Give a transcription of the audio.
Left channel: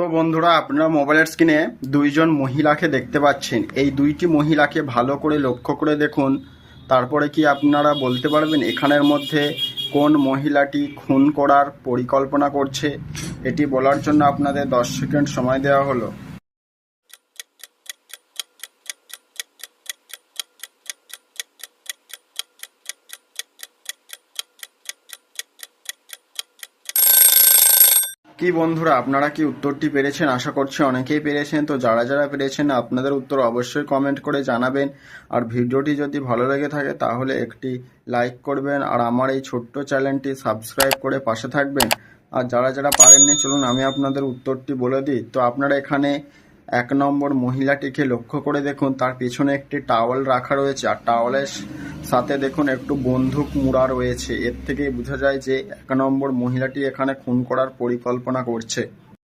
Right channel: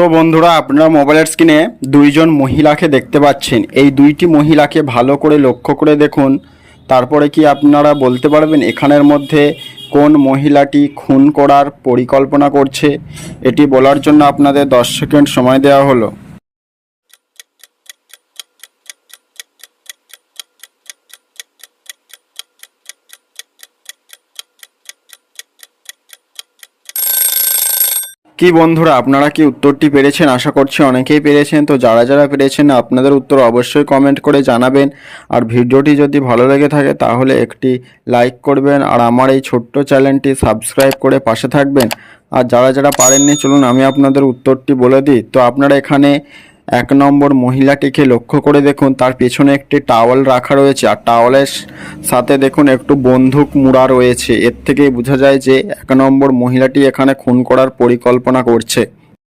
তো বন্ধুরা, আপনারা মোবাইলের স্ক্রিনে দুইজন মহিলাকে দেখতে পাচ্ছেন। এই দুইটি মহিলাকে ভালো করে লক্ষ্য করে দেখুন। তারপরে কি আপনারা বলতে পারবেন এখানের মধ্যে কোন মহিলাটি খুন করার পরিকল্পনা করছে? এটি বলার জন্য আপনাদের 10 সেকেন্ড সময় দেওয়া হলো। কি বন্ধুরা, আপনারা কি উত্তরটি পেরেছেন? আশা করছি অনেকেই পেরেছেন। তো যারা যারা পেরেছেন আপনাদের উত্তর অবশ্যই কমেন্ট করে জানাবেন। আর ভিডিওটি যদি ভালো লেগে থাকে তাহলে একটি লাইক করবেন, আর আমার এই ছোট্ট চ্যানেলটি সাবস্ক্রাইব করে পাশে থাকবেন। আর যারা যারা পারেননি, চলুন আমি আপনাদের উত্তরটি বলে দিই। তো আপনারা এখানে 1 নম্বর মহিলাটিকে লক্ষ্য করে দেখুন, তার পেছনে একটি টাওয়াল রাখা রয়েছে, আর টাওয়ালের সাথে দেখুন একটু বন্দুক মুড়া রয়েছে। এর থেকেই বোঝা যায় যে 1 নম্বর মহিলাটি এখানে খুন করার পরিকল্পনা করছে।